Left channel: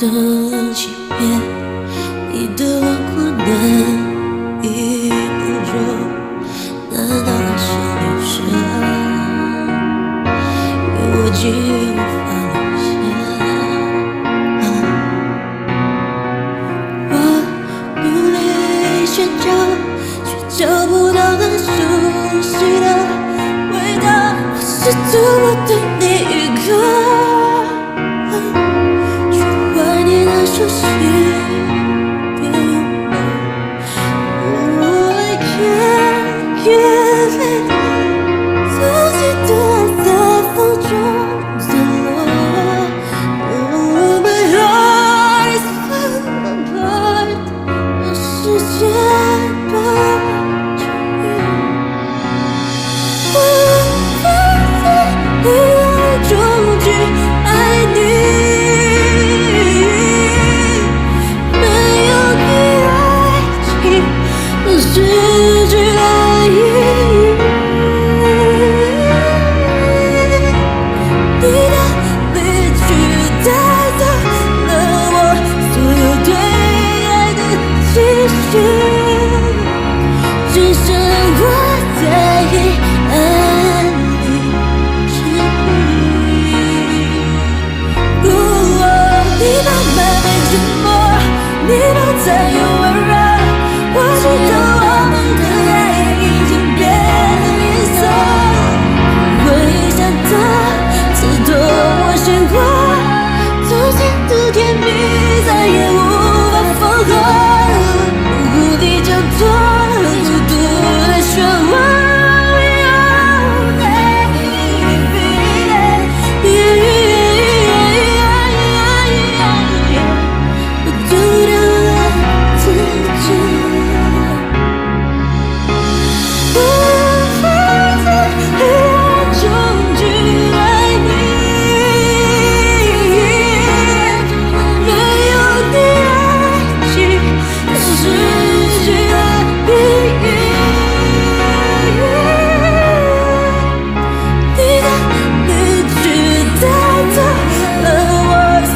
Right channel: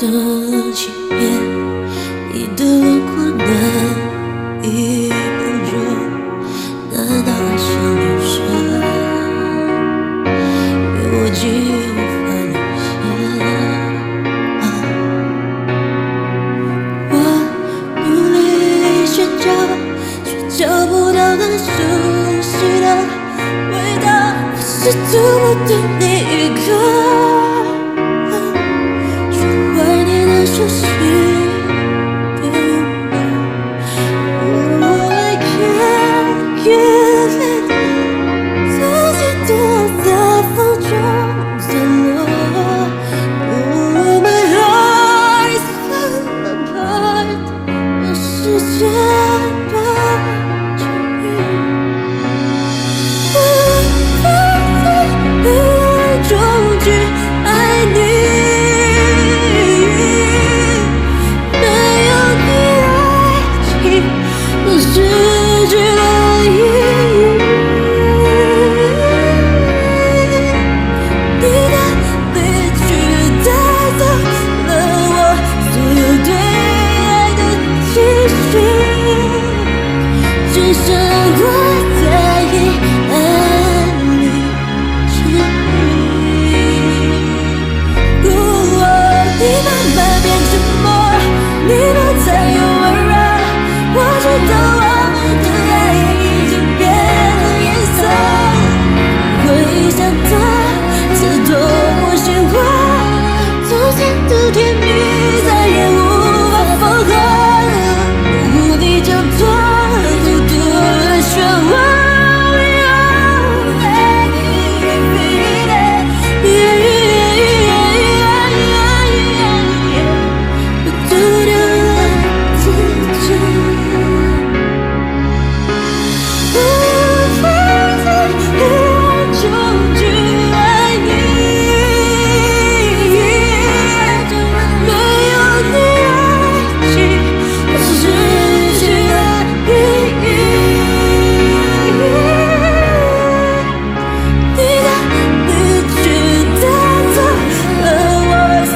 的欺骗，你的轮廓难以捕捉，难道爱像流沙，越握紧越无法留下？我努力寻找，却找不到那熟悉的味道。我试图不对你预告，怀念那熟悉的拥抱。I can't give it， 自己的爱在风中散落。My heart is falling apart， 让时间把我治愈。无法在黑暗中去爱你。失去了意义，你的离去带走了我所有对爱的期许，只剩我在黑暗里沉溺。你慢慢变沉默，你不再有温柔，我知道我们的爱已经变了颜色，回想它刺痛我心窝，从前的甜蜜再也无法缝合，无力挣脱孤独的漩涡。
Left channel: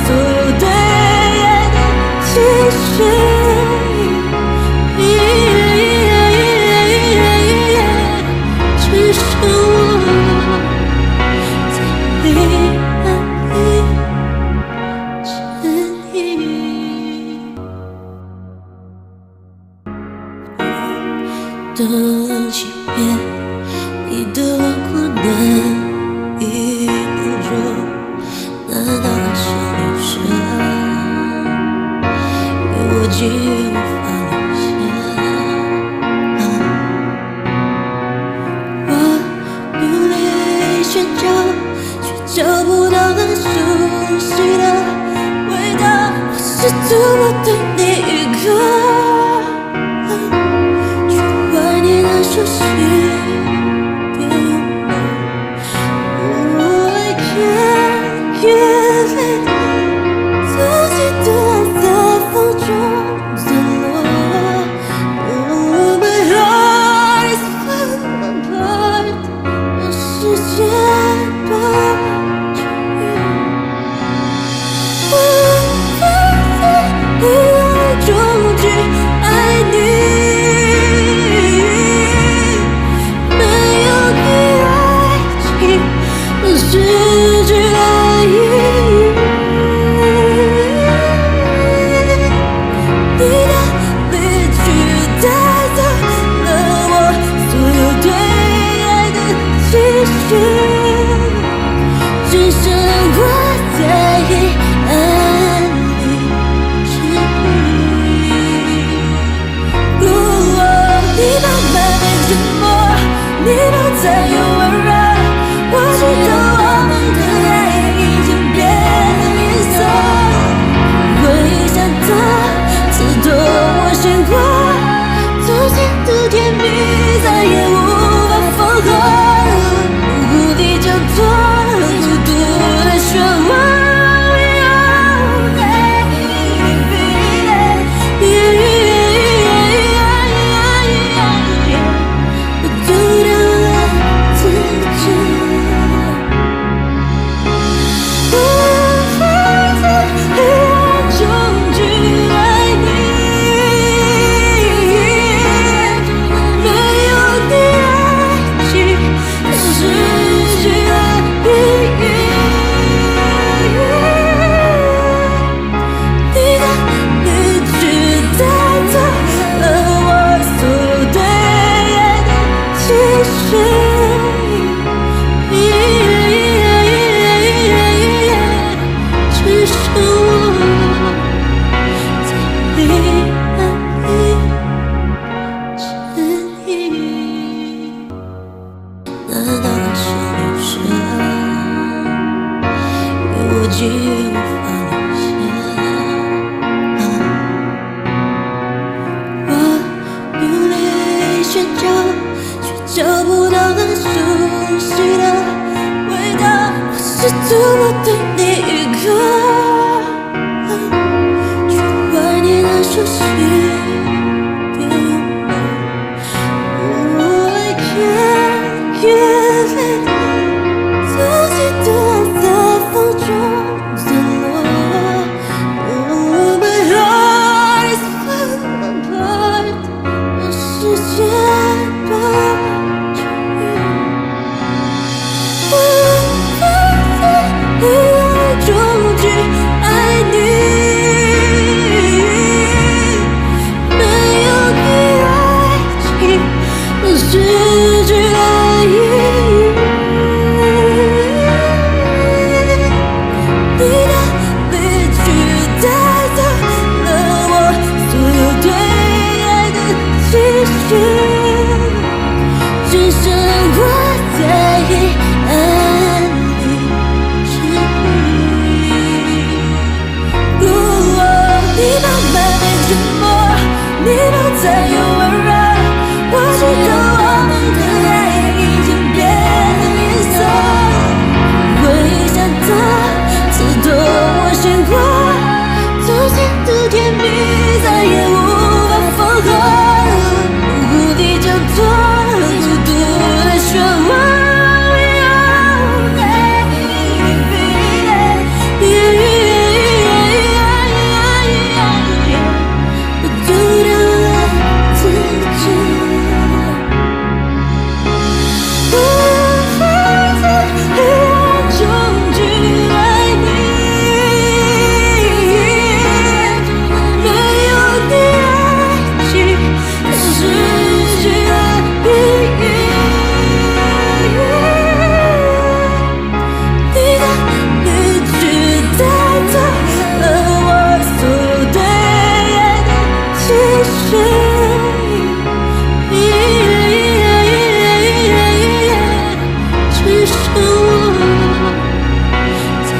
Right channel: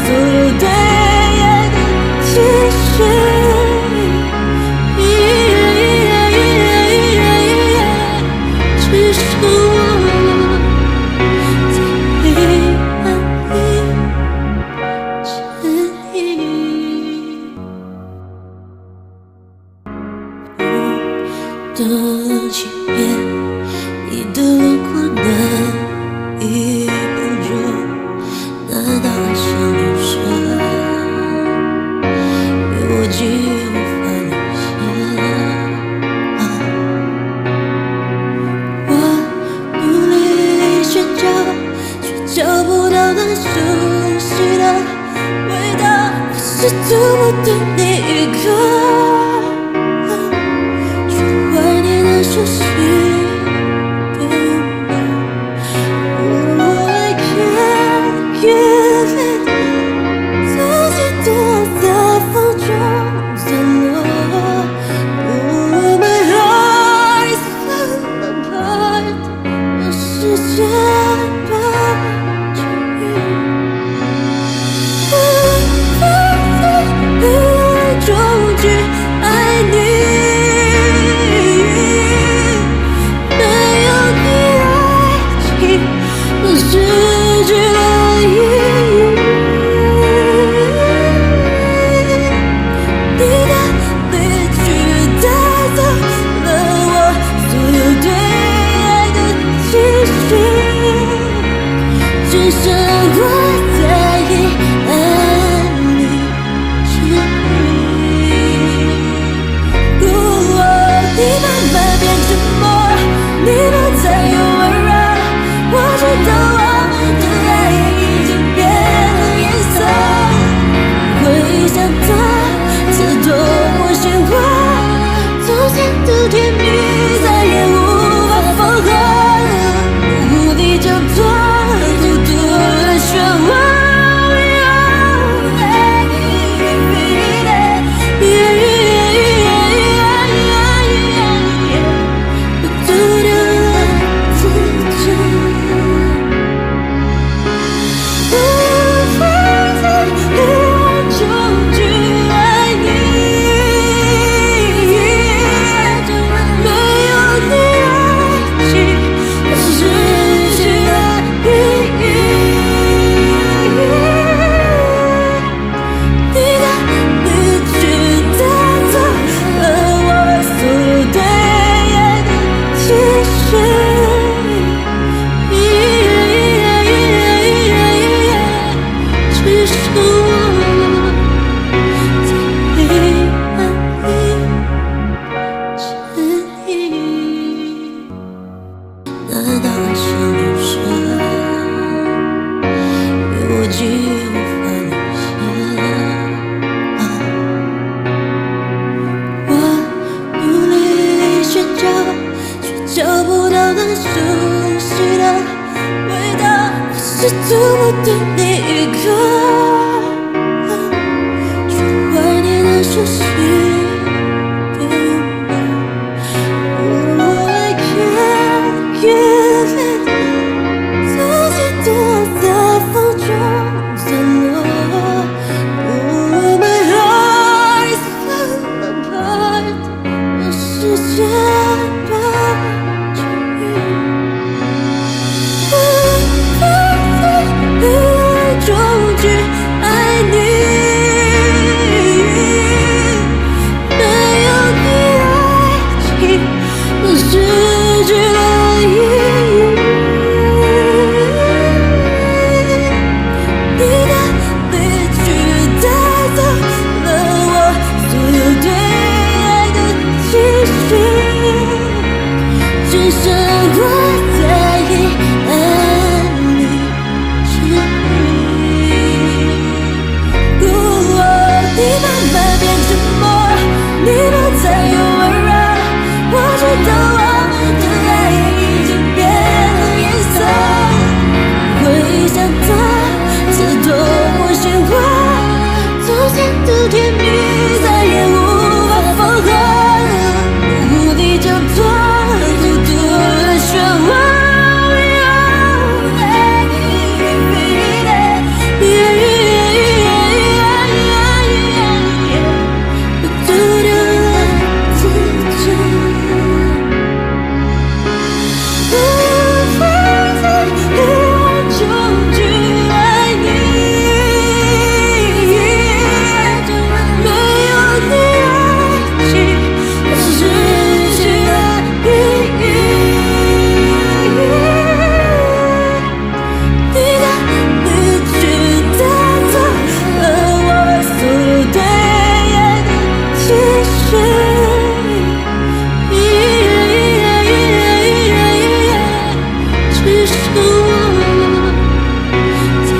所有对爱的期许，只剩我在黑暗里沉溺。的欺骗，你的轮廓难以捕捉，难道爱像流沙，越握紧越无法留下？我努力寻找，却找不到那熟悉的味道。我试图不对你预告，却怀念那熟悉的拥抱。I can't give it， 自己的爱在风中散落。My heart is falling apart， 让时间把我治愈。无法在黑暗中去爱你，没有你爱情失去了意义，你的离去带走了我所有对爱的期许，只剩我在黑暗里沉溺。你慢慢变沉默，你不再有温柔，我知道我们的爱已经变了颜色，回想它刺痛我心窝，从前的甜蜜再也无法缝合，无力挣脱孤独的漩涡。我丢掉了自己，无法在黑暗中难道爱像流沙，越握紧越无法留下？我努力寻找，却找不到那熟悉的味道。我试图不对你预告，却怀念那熟悉的拥抱。I can't get it， 自己的爱在风中坠落。Oh, my heart is falling apart， 让时间把我治愈。无法在黑暗中去爱你，没有你爱情都失去了意义。你的离去带走了我所有对爱的期许，只剩我在黑暗里沉迷。你慢慢变沉默，你不再有温柔，我知道我们的爱已经变了颜色。回忆像它刺痛我心窝，从前的甜蜜再也无法缝合，无力挣脱孤独的漩涡。我丢掉了自己，无法在黑暗中去爱你，没有你爱情都失去了意义。你的离去带走了我所有对爱的期许，只剩我在